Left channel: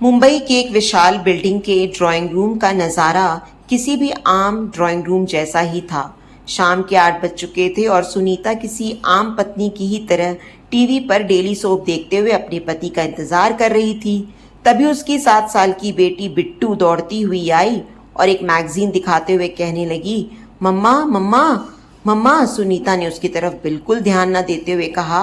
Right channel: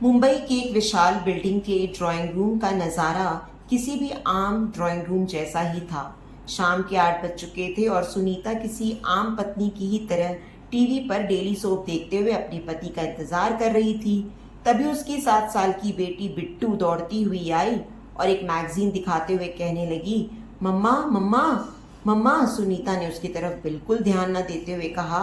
मुंबई के एक विशाल बिल्डिंग के ड्राइंग रूम का नज़ारा किसी भी आम ड्राइंग रूम जैसा ही था। शाम के 8 बज चुके थे और सुनीता किसी आम पत्नी की ही तरह टीवी पर डेली सोप देखते हुए अपने पति का इंतजार कर रही थी। तभी उसकी 7 साल की बेटी बिट्टू दौड़ती हुई आई और एक मैगजीन दिखाते हुए कहने लगी, मम्मा मम्मा मम्मा। सुनीता ने उसकी तरफ बिल्कुल ध्यान न देते हुए कहा,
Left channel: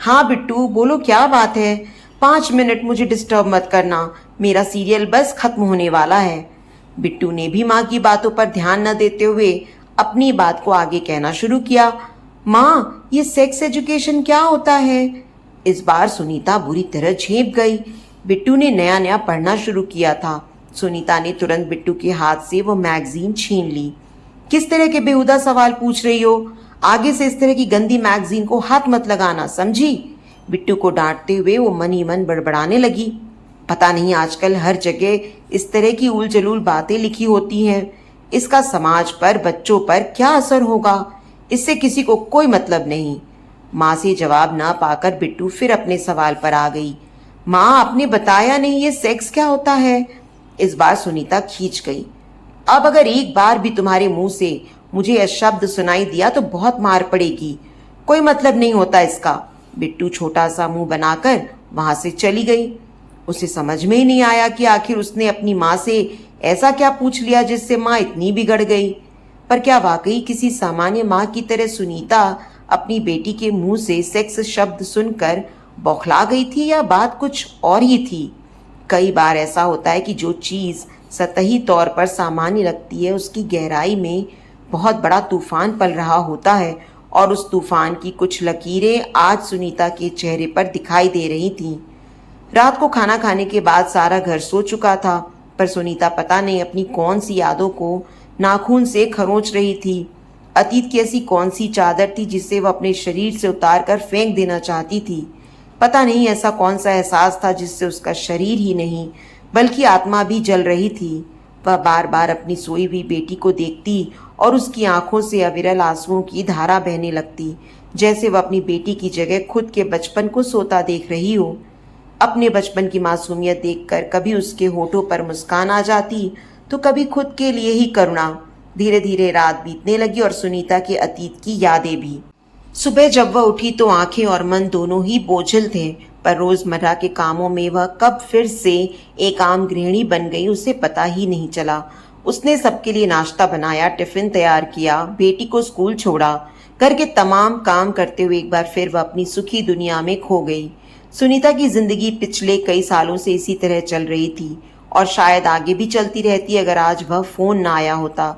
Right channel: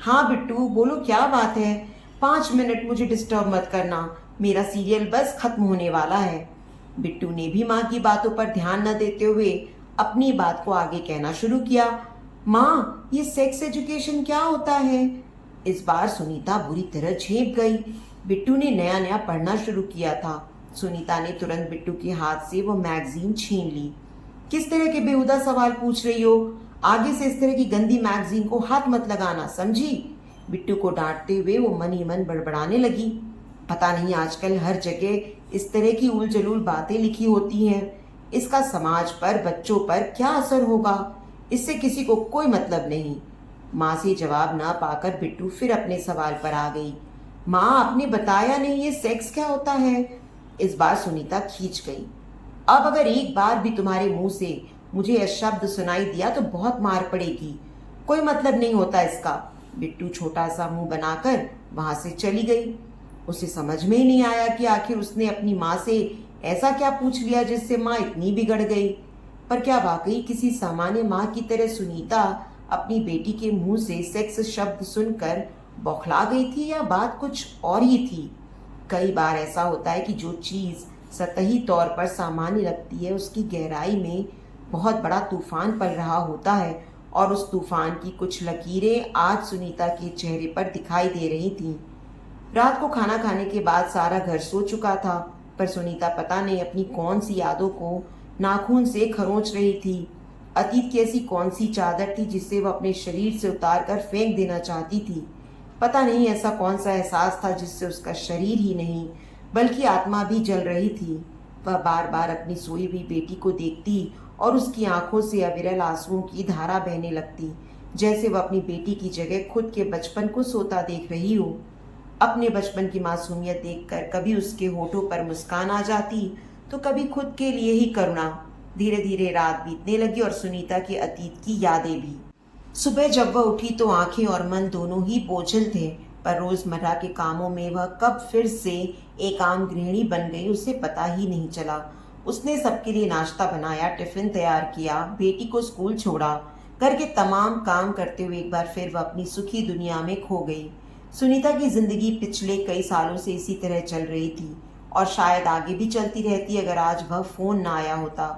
हाँ बिट्टू बोलो, क्या बात है? 5 मिनट मुझे डिस्टर्ब मत करना, मेरा सीरियल बस खत्म होने वाला है। बिट्टू ने भी माँ की बातों पर ध्यान न देते हुए अपनी बात को आगे कहना शुरू किया। माँ, ये सेक्स एजुकेशन क्या होता है? इस बार सुनीता बुरी तरह झेप गई। बिट्टू ने नया नया पढ़ना शुरू किया था। सुनीता ने तुरंत बिट्टू के हाथ से वो मैगजीन छीन ली। किस तरह के बेहुदा सवाल पूछ रही हो? आगे से इस तरह की गंदी मैगजीन को हाथ मत लगाना, समझी? बिट्टू को डांटते हुए वो मन ही मन बड़बड़ाने लगी। पता नहीं आजकल हर जगह इस तरह की उल जलूल बातें लिखी होती हैं। इसका समाज पर, बच्चों पर क्या असर होगा, इससे किसी को कोई मतलब नहीं। माँ से जवाब ना पाकर बिट्टू फिर अपने सवाल पर आ गई। माँ, आपने बताया नहीं ये सेक्स क्या होता है? इस बार सुनीता खींच गई। अब अगर एक बार भी तुम्हारे मुंह से मुझे यह शब्द सुनाई दिया तो बहुत मार पड़ेगी। कोई मतलब नहीं होता इसका। बिट्टू छोटा सा मुंह बनाकर वहां से चली गई। उसे समझ में ही नहीं आया कि आखिर उसने अपनी माँ से ऐसा क्या पूछ लिया जिससे माँ इतनी बिगड़ गई। पर क्या वाकई किसी सामान्य माँ की तरह सुनीता अपनी बेटी के मुंह से सेक्स शब्द सुनकर बौखला गई थी, या बात कुछ और ही थी? कई बार ऐसा होता है कि जो चीज़ सतही तौर पर सामान्य लगती है, उसकी गहराई में बहुत बड़ा तूफान पल रहा होता है। और उस तूफान की कुछ लकीरें आज सुनीता के चेहरे पर दिखाई दे रही थीं। रात को खाना खाने के बाद सारा घर सो चुका था, पर सुनीता पता नहीं अपनी कौन सी यादों को नाखून से खरोंच रही थी। अतीत की ऐसी कौन सी चादर थी जिसे वह अपने शरीर से उतार कर फेंक देना चाहती थी। पता नहीं ऐसा कौन सा एहसास था जिससे उसका शरीर ही नहीं बल्कि आत्मा भी जल रही थी। वह बार बार अपनी सोई हुई बेटी को देखती और उसकी आंखों से अविरल आंसुओं की धारा बहने लगती, जैसे वह अपनी बेटी की जगह खुद के बचपन को सोता देख रही हो। अपने बचपन की मासूमियत देखकर कभी उसके होठों पर मुस्कान आ जाती तो कभी खुद के लिए ही करुणा। धीरे धीरे रात बीतने लगी और सुनीता के अतीत की यादें भी। सुबह जब वह उठी तो आंखें और मन दोनों ही बोझिल थे, पर रोजमर्रा के कामों में वह कब फिर से एक आम गृहिणी बन गई उसे पता ही नहीं चला। उसने सबके लिए नाश्ता बनाया, टिफिन तैयार किया, बेटी को स्कूल छोड़ा। घर के तमाम काम करते हुए एक बार फिर वह अपनी सुखी दुनिया में खो गई। सुनीता की जिंदगी पिछले कई सालों से इसी तरह चल रही थी और शायद आगे भी चलती रहती अगर आज वह फोन ना आया होता।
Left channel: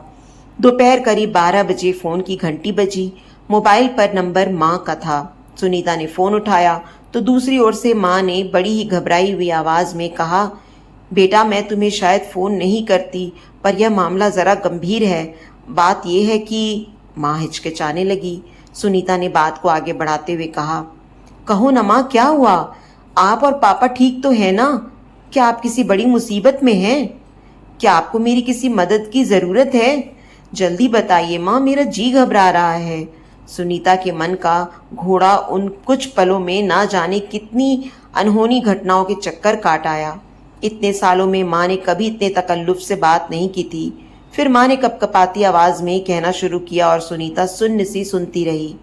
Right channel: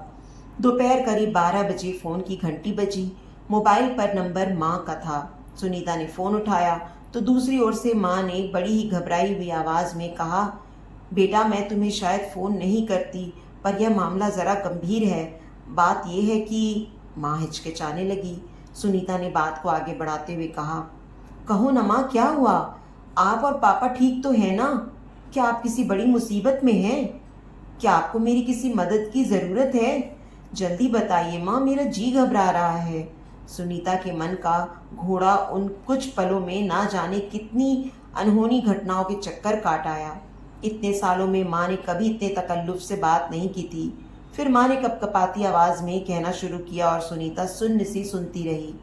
दोपहर करीब 12 बजे फोन की घंटी बजी। मोबाइल पर नंबर माँ का था। सुनीता ने फोन उठाया तो दूसरी ओर से माँ ने बड़ी ही घबराई हुई आवाज में कहा, बेटा मैं तुम्हें शायद फोन नहीं करती, पर यह मामला जरा गंभीर है। बात यह है कि माँ हिचकिचाने लगी। सुनीता ने बात को आगे बढ़ाते हुए कहा, कहो न माँ, क्या हुआ? आप और पापा ठीक तो है ना? क्या आप किसी बड़ी मुसीबत में हैं? क्या आपको मेरी किसी मदद की जरूरत है? जल्दी बताइए माँ, मेरा जी घबरा रहा है। सुनीता के मन का घोड़ा उन कुछ पलों में ना जाने कितनी अनहोनी घटनाओं के चक्कर काट आया। इतने सालों में माँ ने कभी इतने तकल्लुफ से बात नहीं की थी। फिर माँ ने कपकपाती आवाज में कहना शुरू किया और सुनीता सुन्न सी सुनती रही।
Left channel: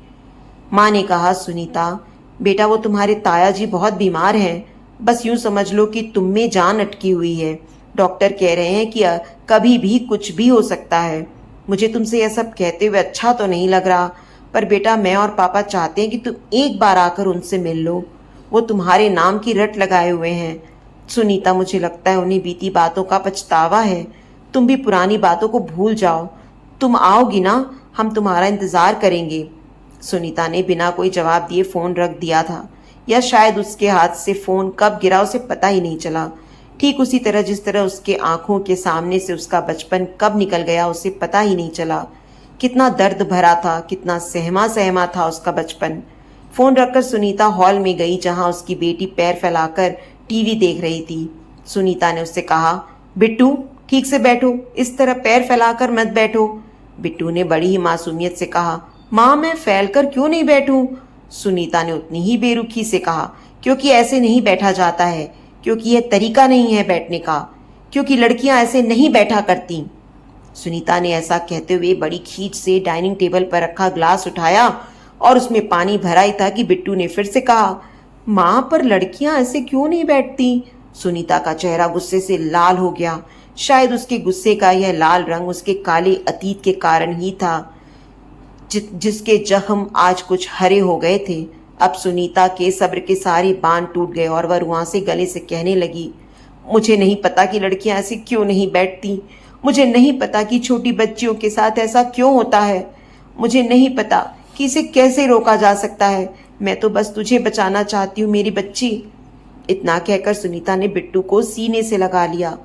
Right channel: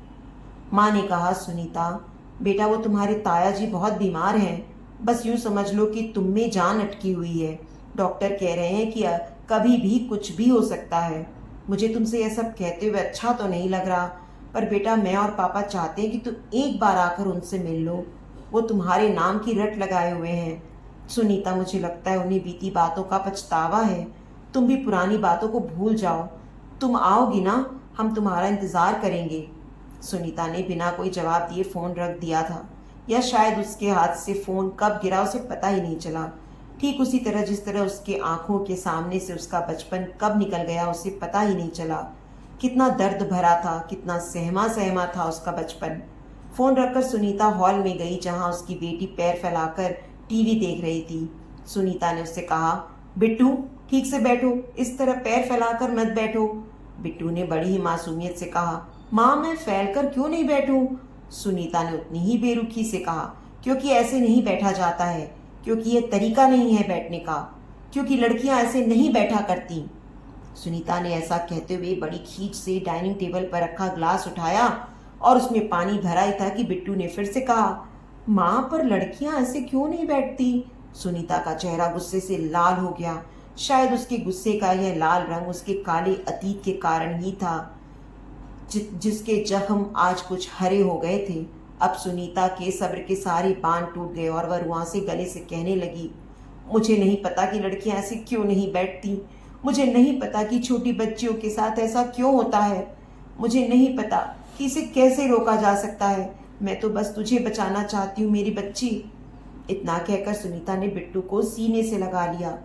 माँ ने कहा, सुनीता बेटा, वो तुम्हारे ताया जी बहुत बीमार हैं। बस यूं समझ लो कि तुम में जान अटकी हुई है। डॉक्टर कह रहे हैं कि कभी भी कुछ भी हो सकता है। मुझे तुमसे यह सब कहते हुए अच्छा तो नहीं लग रहा, पर बेटा मैं और पापा चाहते हैं कि तुम एक बार आकर उनसे मिल लो। वो तुम्हारे नाम की रट लगाए हुए हैं। सुनीता, मुझे लगता है उन्हें बीती बातों का पछतावा है। तुम भी पुरानी बातों को भूल जाओ। तुम आओगी ना? हम तुम्हारा इंतजार करेंगे। सुनीता ने बिना कोई जवाब दिए फोन रख दिया था, या शायद उसके हाथ से फोन कब गिरा उसे पता ही नहीं चला। ठीक उसी तरह जिस तरह उसके आंखों के सामने से उसका बचपन कब निकल गया उसे पता ही नहीं चला। कितना दर्द भरा था, कितना सहमा सहमा था उसका बचपन। फोन रखकर सुनीता हॉल में गई जहां उसकी बेटी पैर फैलाकर टीवी देख रही थी। सुनीता ने उससे कहा, बिट्टू ठीक से बैठो, इस तरह पैर फैलाकर मत बैठो। बिट्टू ने बड़ी ही मासूमियत से कहा, माँ मैं फैलकर क्यों नहीं बैठूं? सुनीता ने उतनी ही बेरुखी से कहा, क्योंकि ऐसे नहीं बैठा जाता है। क्योंकि यह तरीका नहीं है बैठने का, क्योंकि लड़कियां ऐसे नहीं बैठा करती। सुनीता ने ऐसा कहते हुए बड़ी खींच से डाइनिंग टेबल पर रखा ग्लास उठाया और उसमें पानी भरा ही था कि बिट्टू ने फिर से कहा, माँ, पर लड़कियां ऐसे क्यों नहीं बैठती? सुनीता का चेहरा गुस्से से लाल हो गया। शायद उसके गुस्से का यह लाल रंग उसके काले अतीत के कारण ही था, जिसके जख्म आज कुछ हरे हो गए थे। अब सुनीता के सब्र के सारे बांध टूट गए और वह रुआं से गले से कहने लगी, मुझे नहीं पता कि लड़कियां ऐसे क्यों नहीं बैठती। मुझे नहीं पता कि छोटी बच्चियों के साथ ऐसा क्यों होता है। मुझे नहीं पता कि इसे कैसे रोका जा सकता है। मैं तो बस तुझे बचाना चाहती हूँ मेरी बच्ची। इतना कहकर सुनीता ने बिट्टू को सीने से लगा लिया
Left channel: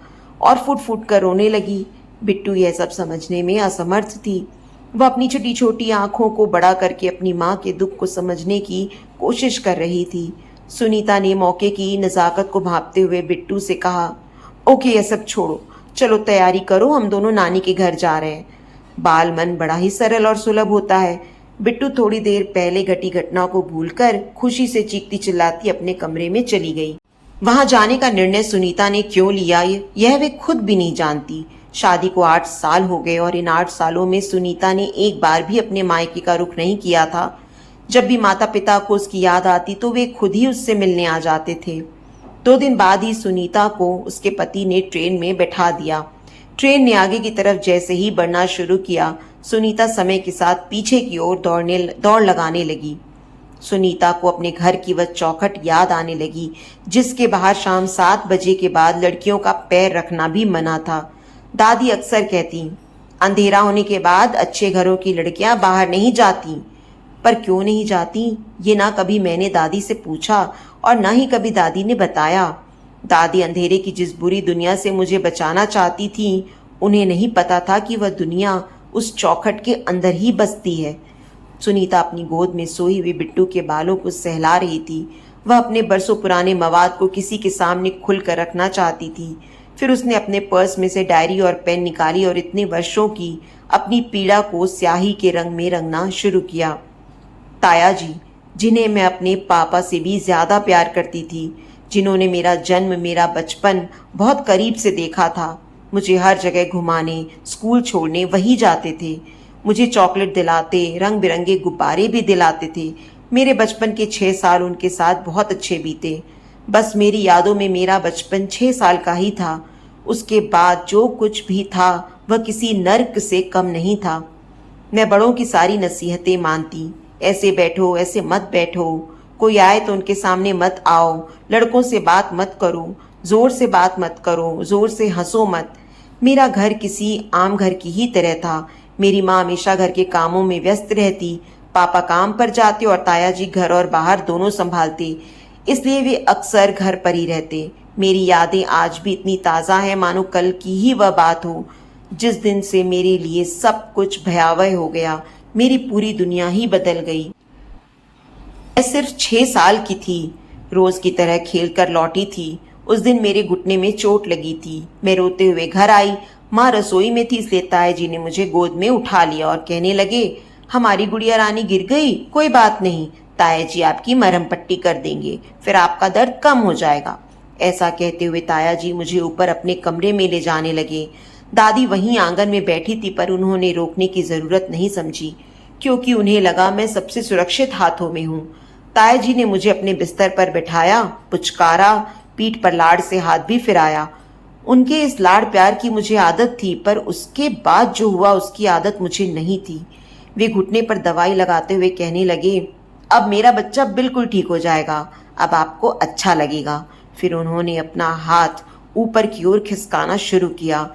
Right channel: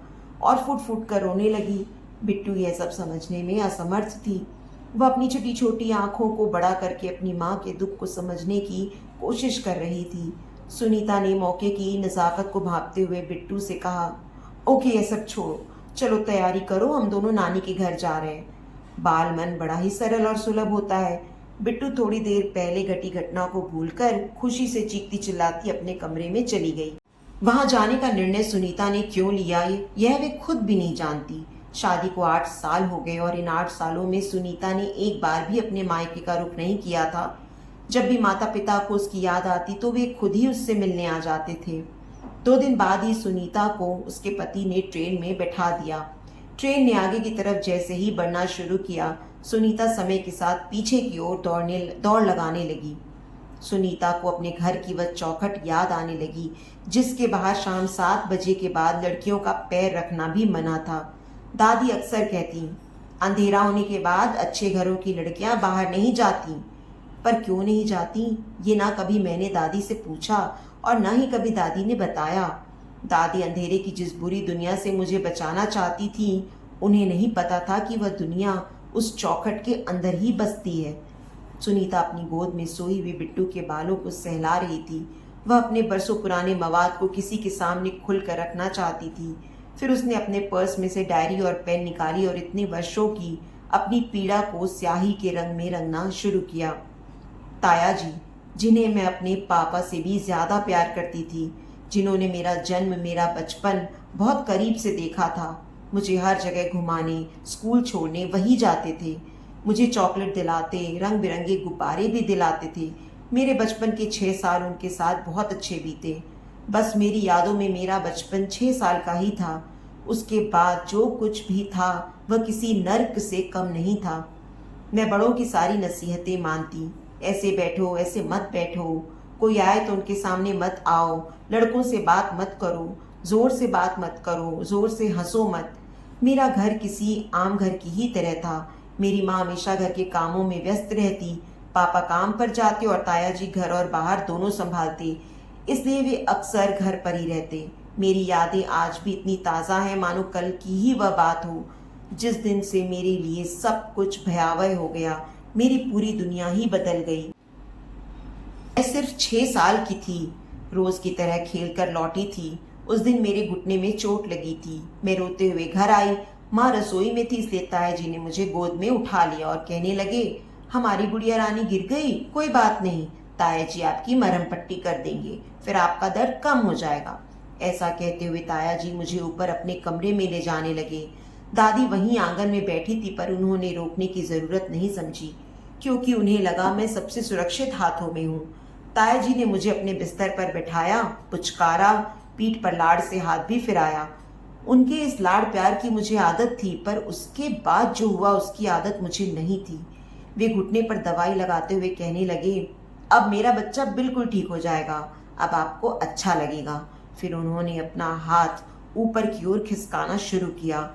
और फुट फुट कर रोने लगी। बिट्टू यह सब समझने में असमर्थ थी। वह अपनी छोटी छोटी आंखों को बड़ा करके अपनी माँ के दुख को समझने की कोशिश कर रही थी। सुनीता ने मौके की नज़ाकत को भांपते हुए बिट्टू से कहा, ओके, यह सब छोड़ो, चलो तैयारी करो, हम दोनों नानी के घर जा रहे हैं। बाल मन बड़ा ही सरल और सुलभ होता है। बिट्टू थोड़ी देर पहले घटी घटना को भूलकर खुशी से चीखती चिल्लाती अपने कमरे में चली गई। वहां जाने का निर्णय सुनीता ने क्यों लिया यह वे खुद भी नहीं जानती। शादी को 8 साल हो गए और इन 8 सालों में सुनीता ने एक बार भी अपने मायके का रुख नहीं किया था। जब भी माता पिता को उसकी याद आती तो वे खुद ही उससे मिलने आ जाते थे। 2 दिन बाद ही सुनीता को उसके पति ने ट्रेन में बैठा दिया। ट्रेन ने आगे की तरफ जैसे ही बढ़ना शुरू किया, सुनीता समय के साथ पीछे की ओर दौड़ लगाने लगी। सुनीता को अपने घर की वह चौखट याद आने लगी, जिसके बाहर शाम 7 बजे के बाद लड़कियों का पैर रखना भी मना था। दादी अक्सर कहती, अंधेरा होने के बाद अच्छे घरों की लड़कियां बाहर नहीं जाती। पर क्यों नहीं जाती, ये ना कभी मैंने दादी से पूछा और ना ही कभी दादी ने बताया। दादी अंधेरे की जिस बुरी दुनिया से मुझे बचाना चाहती थी, उन्हें नहीं पता था कि वह दुनिया उस चौखट के अंदर ही बसती है। सुनीता अपनी गोद में सोई हुई बिट्टू के बालों को सहला रही थी। वह अपने बरसों पुराने मवाद को किसी के सामने खुलकर रखना चाहती थी। फिर उसने अपने पर्स में से डायरी और पेन निकाली और इतने वर्षों की अपनी पीड़ा को स्याही के रंग में रंगना शुरू किया। ताया जी, जिन्हें मैं अपने पापा से भी ज्यादा प्यार करती थी, जिन्होंने मेरा जन्म, मेरा बचपन बहुत करीब से देखा था, मुझे हर जगह घुमाने, स्कूल छोड़ने वही जाते थे। मुझे चॉकलेट दिलाते, रंग बिरंगे गुब्बारे भी दिलाते थे। मेरे बचपन के 6 साल उनके साथ बहुत अच्छे बीते। बस मेरी यादों में मेरा बचपन 6 साल का ही था। उसके बाद जो कुछ भी था वह किसी नर्क से कम नहीं था। मैं बड़ों की सारी नसीहतें मानती, ऐसे बैठो, ऐसे मत बैठो, कोई आए तो उनके सामने मत आओ, लड़कों से बात मत करो, जोर से बात मत करो, जोर से हंसो मत। मेरा घर किसी आम घर की ही तरह था। मेरी माँ हमेशा घर के कामों में व्यस्त रहती, पापा काम पर जाते और ताया जी घर और बाहर दोनों संभालते, इसलिए वे अक्सर घर पर ही रहते। मेरी यादें आज भी इतनी ताज़ा हैं मानो कल की ही वह बात हो, जिस दिन से मेरे लिए सब कुछ भयावह हो गया। मेरी पूरी दुनिया ही बदल गई। मैं सिर्फ 6 साल की थी, रोज की तरह खेल कर लौटी थी। उस दिन मेरे घुटने में चोट लगी थी। मैं रोते हुए घर आई। माँ रसोई में थी, इसलिए ताया जी ने मुझे गोद में उठा लिया और कहने लगे, हमारी गुड़िया रानी गिर गई, कोई बात नहीं, ताया जी आपकी मरहम पट्टी कर देंगे, फिर आपका दर्द कम हो जाएगा। ऐसा कहते हुए ताया जी मुझे ऊपर अपने कमरे में ले जाने लगे। दादी वहीं आंगन में बैठी थी, पर उन्होंने रोकने की जरूरत नहीं समझी, क्योंकि उन्हें लगा मैं सबसे सुरक्षित हाथों में हूँ। ताया जी ने मुझे अपने बिस्तर पर बिठाया, पुचकारा, पीठ पर लाड़ से हाथ भी फिराया। उनके इस लाड़ प्यार की मुझे आदत थी, पर उसके बाद जो हुआ उसकी आदत मुझे नहीं थी। वे घुटने पर दवाई लगाते हुए कहने लगे, अब मेरा बच्चा बिल्कुल ठीक हो जाएगा, अब आपको अच्छा लगेगा। फिर उन्होंने अपना हाथ ऊपर की ओर खिसकाना शुरू किया।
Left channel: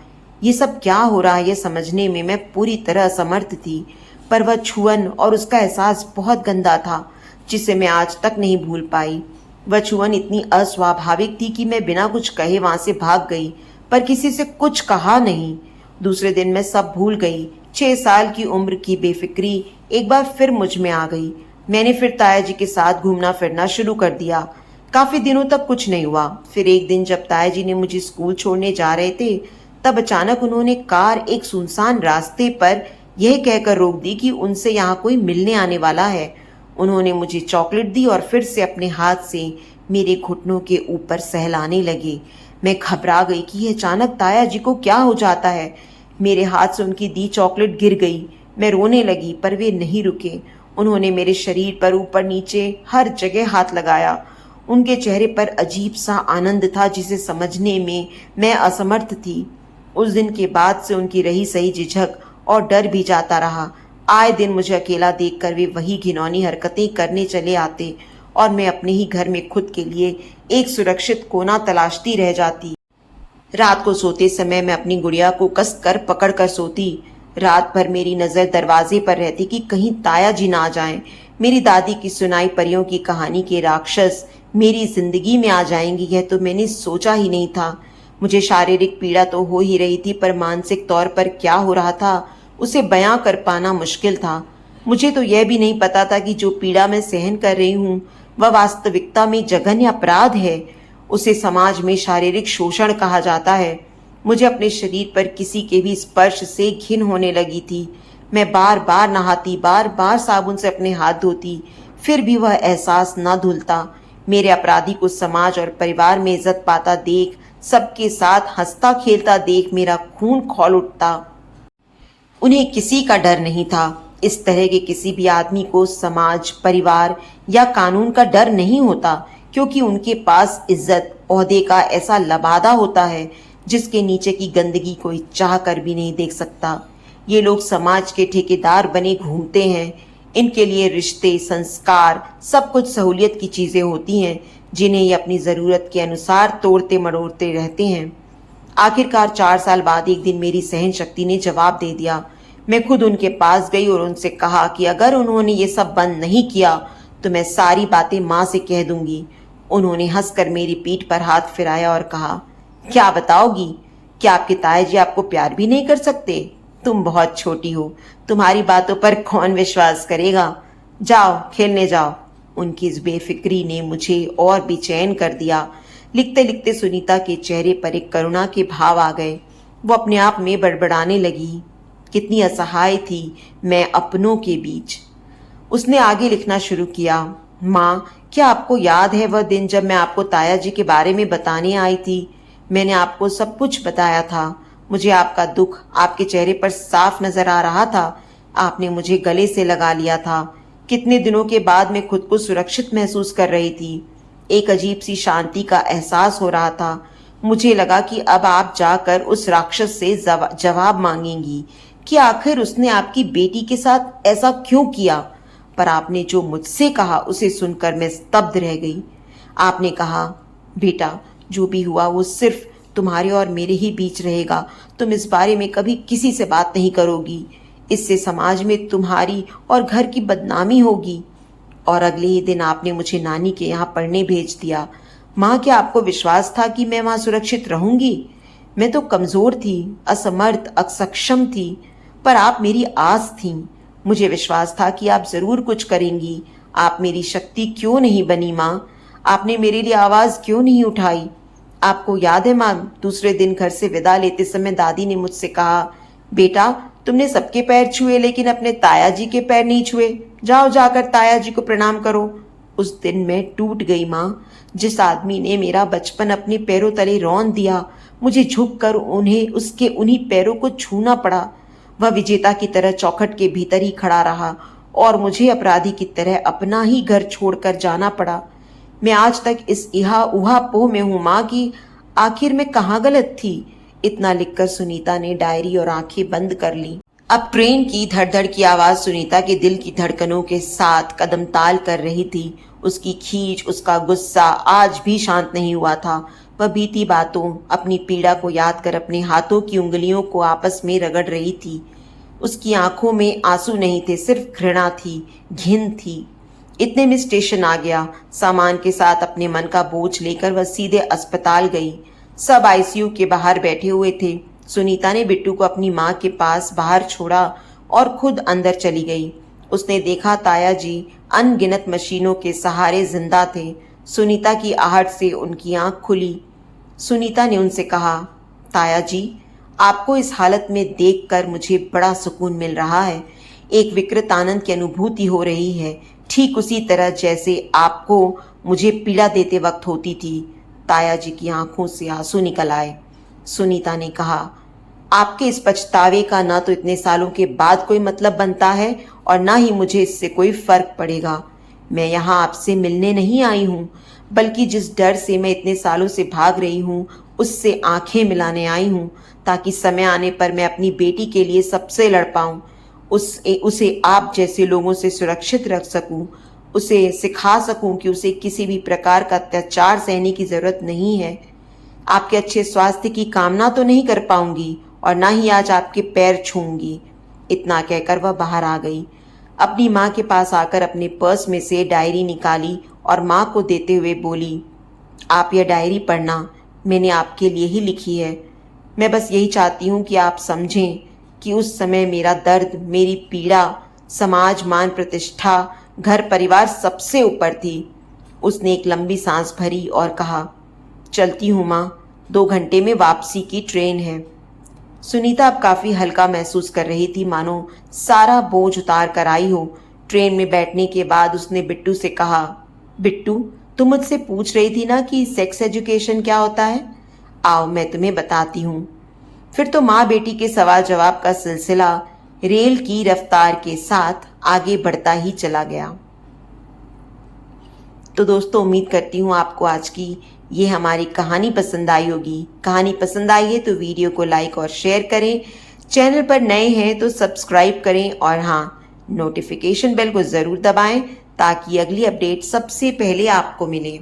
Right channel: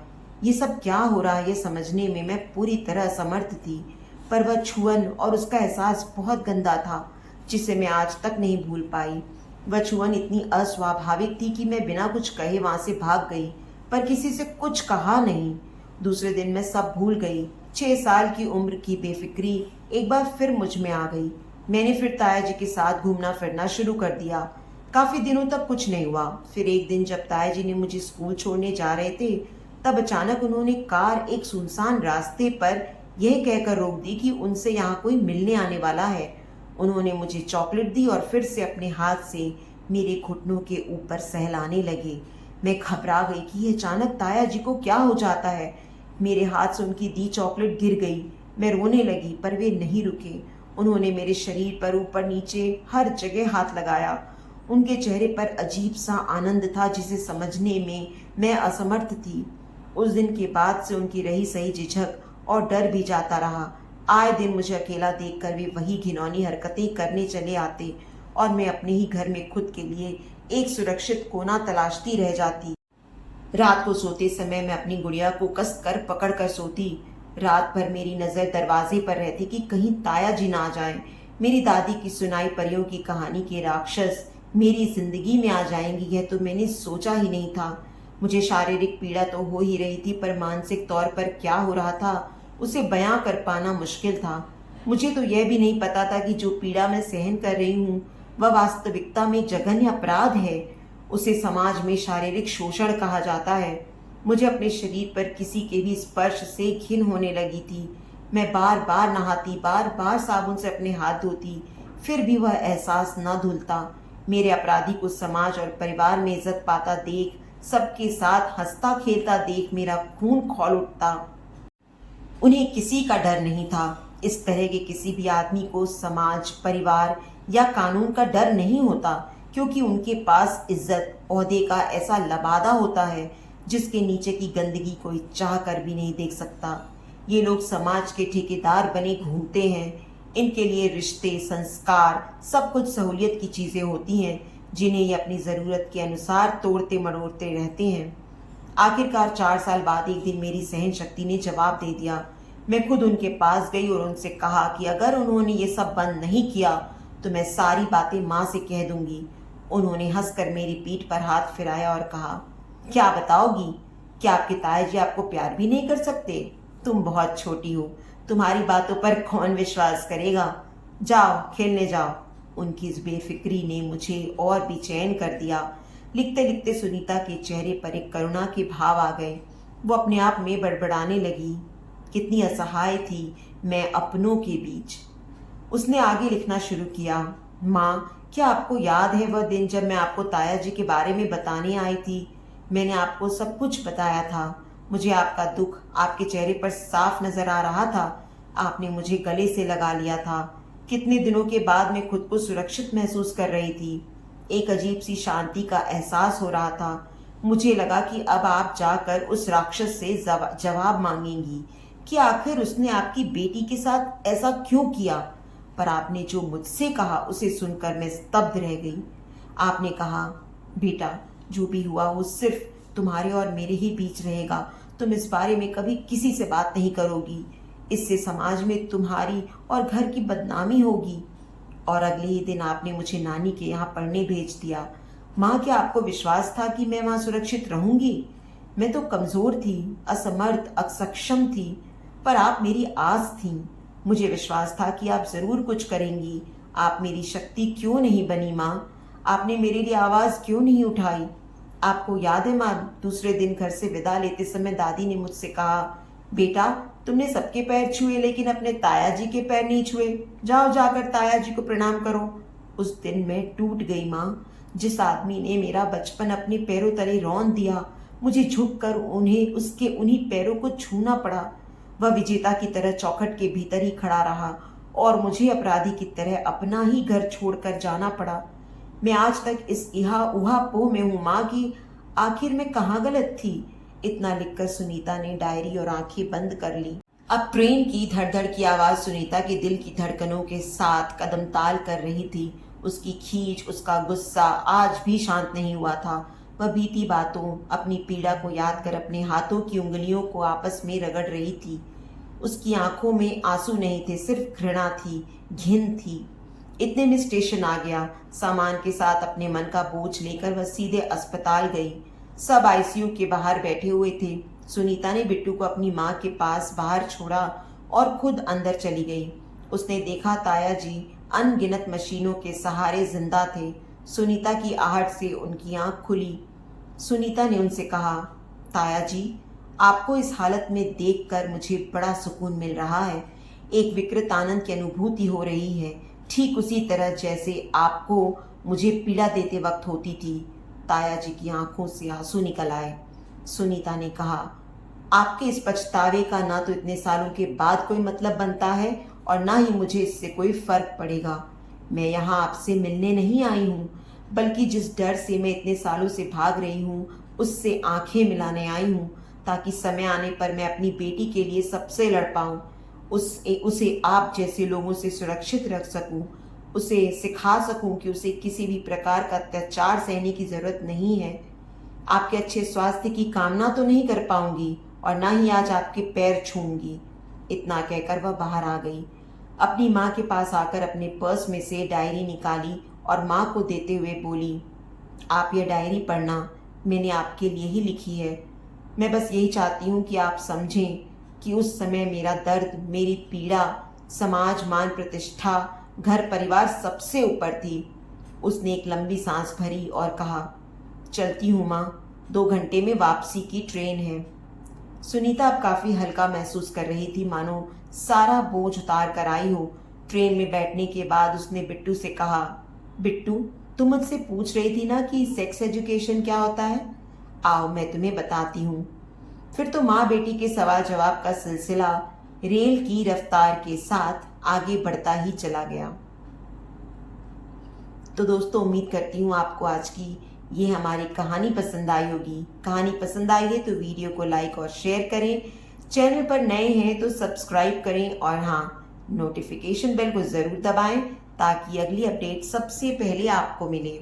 ये सब क्या हो रहा है ये समझने में मैं पूरी तरह असमर्थ थी, पर वह छुअन और उसका एहसास बहुत गंदा था, जिसे मैं आज तक नहीं भूल पाई। वह छुअन इतनी अस्वाभाविक थी कि मैं बिना कुछ कहे वहां से भाग गई, पर किसी से कुछ कहा नहीं। दूसरे दिन मैं सब भूल गई। 6 साल की उम्र की बेफिक्री एक बार फिर मुझ में आ गई। मैंने फिर ताया जी के साथ घूमना फिरना शुरू कर दिया। काफी दिनों तक कुछ नहीं हुआ। फिर एक दिन जब ताया जी ने मुझे स्कूल छोड़ने जा रहे थे, तब अचानक उन्होंने कार एक सुनसान रास्ते पर यह कहकर रोक दी कि उनसे यहाँ कोई मिलने आने वाला है। उन्होंने मुझे चॉकलेट दी और फिर से अपने हाथ से मेरे घुटनों के ऊपर सहलाने लगे। मैं घबरा गई कि ये अचानक ताया जी को क्या हो जाता है। मेरे हाथ से उनकी दी चॉकलेट गिर गई। मैं रोने लगी पर वे नहीं रुके। उन्होंने मेरे शरीर पर ऊपर नीचे हर जगह हाथ लगाया। उनके चेहरे पर अजीब सा आनंद था जिसे समझने में मैं असमर्थ थी। उस दिन के बाद से उनकी रही सही झिझक और डर भी जाता रहा। आए दिन मुझे अकेला देखकर वे वही घिनौनी हरकतें करने चले आते और मैं अपने ही घर में खुद के लिए एक सुरक्षित कोना तलाशती रह जाती। रात को सोते समय मैं अपनी गुड़िया को कस कर पकड़ कर सोती। रात भर मेरी नज़र दरवाजे पर रहती कि कहीं ताया जी ना आ जाएं। मेरी दादी की सुनाई परियों की कहानी के राक्षस मेरी जिंदगी में आ जाएंगी, यह तो मैंने सोचा ही नहीं था। मुझे शारीरिक पीड़ा तो हो ही रही थी, पर मानसिक तौर पर क्या हो रहा था उसे बयां कर पाना मुश्किल था। मुझे तो यह भी नहीं पता था कि जो पीड़ा मैं सहन कर रही हूँ वह वास्तविकता में जघन्य अपराध है। उसे समाज में शारीरिक शोषण कहा जाता है। मुझे अपने शरीर पर किसी के भी स्पर्श से घिन होने लगी थी। मैं बार बार नहाती, बार बार साबुन से अपने हाथ धोती, फिर भी वह एहसास न धुलता। मेरे अपराधी को समाज और परिवार में इज्जत पाता देख, सबके साथ हंसता खेलता देख मेरा खून खौल उठता। उन्हें किसी का डर नहीं था। इस तरह के किसी भी आदमी को समाज, परिवार या कानून का डर नहीं होता, क्योंकि उनके पास इज्जत, ओहदे का ऐसा लबादा होता है जिसके नीचे की गंदगी कोई चाह कर भी नहीं देख सकता। ये लोग समाज के ठेकेदार बने घूमते हैं। इनके लिए रिश्ते, संस्कार, सब कुछ सहूलियत की चीजें होती हैं जिन्हें ये अपनी जरूरत के अनुसार तोड़ते मरोड़ते रहते हैं। आखिरकार 4 साल बाद एक दिन मेरी सहन शक्ति ने जवाब दे दिया। मैं खुद उनके पास गई और उनसे कहा कि अगर उन्होंने ये सब बंद नहीं किया तो मैं सारी बातें माँ से कह दूंगी। उन्होंने हंसकर मेरी पीठ पर हाथ फिराया और कहा, क्या बताओगी? क्या आपके ताया जी आपको प्यार भी नहीं कर सकते? तुम बहुत छोटी हो, तुम्हारी बातों पर कौन विश्वास करेगा? जाओ खेलने जाओ। उनकी इस बेफिक्री ने मुझे और बेचैन कर दिया। लिखते लिखते सुनीता के चेहरे पर एक करुणा के भाव आ गए। वो अपने आप में बड़बड़ाने लगी। कितनी असहाय थी मैं अपनों के बीच। उसने आगे लिखना शुरू किया। माँ, क्या आपको याद है वह दिन जब मैं आपको ताया जी के बारे में बताने आई थी? मैंने आपको सब कुछ बताया था। मुझे आपका दुख आपके चेहरे पर साफ नजर आ रहा था। आपने मुझे गले से लगा लिया था। कितने दिनों के बाद मैं खुद को सुरक्षित महसूस कर रही थी। एक अजीब सी शांति का एहसास हो रहा था। मुझे लगा कि अब आप जाकर उस राक्षस से जवाब मांगेंगी कि आखिर उसने आपकी बेटी के साथ ऐसा क्यों किया। पर आपने जो मुझसे कहा उसे सुनकर मैं स्तब्ध रह गई। आपने कहा, बेटा, जो भी हुआ वो सिर्फ तुम्हारे और मेरे ही बीच रहेगा। तुम इस बारे में कभी किसी से बात नहीं करोगी। इससे समाज में तुम्हारी और घर की बदनामी होगी। और अगले ही दिन आपने मुझे नानी के यहाँ पढ़ने भेज दिया। माँ, क्या आपको विश्वास था कि मैं वहाँ सुरक्षित रहूंगी? मैं तो कमजोर थी, असमर्थ, असक्षम थी, पर आप मेरी आस थी। मुझे विश्वास था कि आप जरूर कुछ करेंगी। आप मेरी शक्ति क्यों नहीं बनी माँ? आपने मेरे लिए आवाज क्यों नहीं उठाई? आपको याद है माँ, दूसरे दिन घर से विदा लेते समय दादी ने मुझसे कहा, बेटा, तुमने सबके पैर छुए लेकिन अपने ताया जी के पैर नहीं छुए। जाओ जाकर ताया जी को प्रणाम करो। उस दिन मैं टूट गई माँ। जिस आदमी ने मेरा बचपन अपने पैरों तले रौंद दिया, मुझे झुककर उन्हीं पैरों को छूना पड़ा। वह विजेता की तरह चौखट के भीतर ही खड़ा रहा और मुझे अपराधी की तरह अपना ही घर छोड़कर जाना पड़ा। मैं आज तक इस इहा उहा पोह में हूं माँ कि आखिर मैं कहाँ गलत थी। इतना लिखकर सुनीता ने डायरी और आंखें बंद कर ली। अब ट्रेन की धड़धड़ की आवाज सुनीता के दिल की धड़कनों के साथ कदम ताल कर रही थी। उसकी खींच, उसका गुस्सा आज भी शांत नहीं हुआ था। वह बीती बातों, अपनी पीड़ा को याद कर अपने हाथों की उंगलियों को आपस में रगड़ रही थी। उसकी आंखों में आंसू नहीं थे, सिर्फ घृणा थी, घिन थी। इतने में स्टेशन आ गया। सामान के साथ अपने मन का बोझ लेकर वह सीधे अस्पताल गई। सब आईसीयू के बाहर बैठे हुए थे। सुनीता ने बिट्टू को अपनी माँ के पास बाहर छोड़ा और खुद अंदर चली गई। उसने देखा ताया जी अनगिनत मशीनों के सहारे जिंदा थे। सुनीता की आहट से उनकी आंख खुली। सुनीता ने उनसे कहा, ताया जी, आपको इस हालत में देखकर मुझे बड़ा सुकून मिल रहा है। एक विकृत आनंद की अनुभूति हो रही है, ठीक उसी तरह जैसे आपको मुझे पीड़ा देते वक्त होती थी। ताया जी की आंखों से आंसू निकल आए। सुनीता ने कहा, आपके इस पछतावे का ना तो इतने सालों के बाद कोई मतलब बनता है और ना ही मुझे इससे कोई फर्क पड़ेगा। मैं यहाँ आपसे मिलने नहीं आई हूँ, बल्कि जिस डर से मैं इतने सालों से भाग रही हूँ उससे आंखें मिलाने आई हूँ, ताकि समय आने पर मैं अपनी बेटी के लिए सबसे लड़ पाऊँ, उसे आप जैसे लोगों से सुरक्षित रख सकूँ, उसे सिखा सकूँ कि उसे किसी भी प्रकार का अत्याचार सहने की ज़रूरत नहीं है। आपके अच्छे स्वास्थ्य की कामना तो नहीं कर पाऊंगी और ना ही आज आपके पैर छूंगी। इतना कहकर वह बाहर आ गई। अपनी माँ के पास आकर अपने पर्स में से डायरी निकाली और माँ को देते हुए बोली, आप यह डायरी पढ़ना, मैंने आपके लिए ही लिखी है। मैं बस यही चाहती हूँ कि आप समझें कि उस समय मेरा दर्द, मेरी पीड़ा, समाज, मान प्रतिष्ठा, घर परिवार सबसे ऊपर थी। उसने एक लंबी सांस भरी और कहा, चलती हूँ माँ, 2 घंटे में वापसी की ट्रेन है। सुनीता अब काफी हल्का महसूस कर रही थी, मानो सारा बोझ उतार कर आई हो। ट्रेन में बैठने के बाद उसने बिट्टू से कहा, बिट्टू, तुम मुझसे पूछ रही थी ना कि सेक्स एजुकेशन क्या होता है? आओ मैं तुम्हें बताती हूँ। फिर तो माँ बेटी के सवाल जवाब का सिलसिला रेल की रफ्तार के साथ आगे बढ़ता ही चला गया। तो दोस्तों, उम्मीद करती हूँ आपको आज की ये हमारी कहानी पसंद आई होगी। कहानी पसंद आई है तो वीडियो को लाइक और शेयर करें। चैनल पर नए हैं तो सब्सक्राइब करें और हाँ, नोटिफिकेशन बेल को ज़रूर दबाएं ताकि अगली अपडेट सबसे पहले आपको मिले।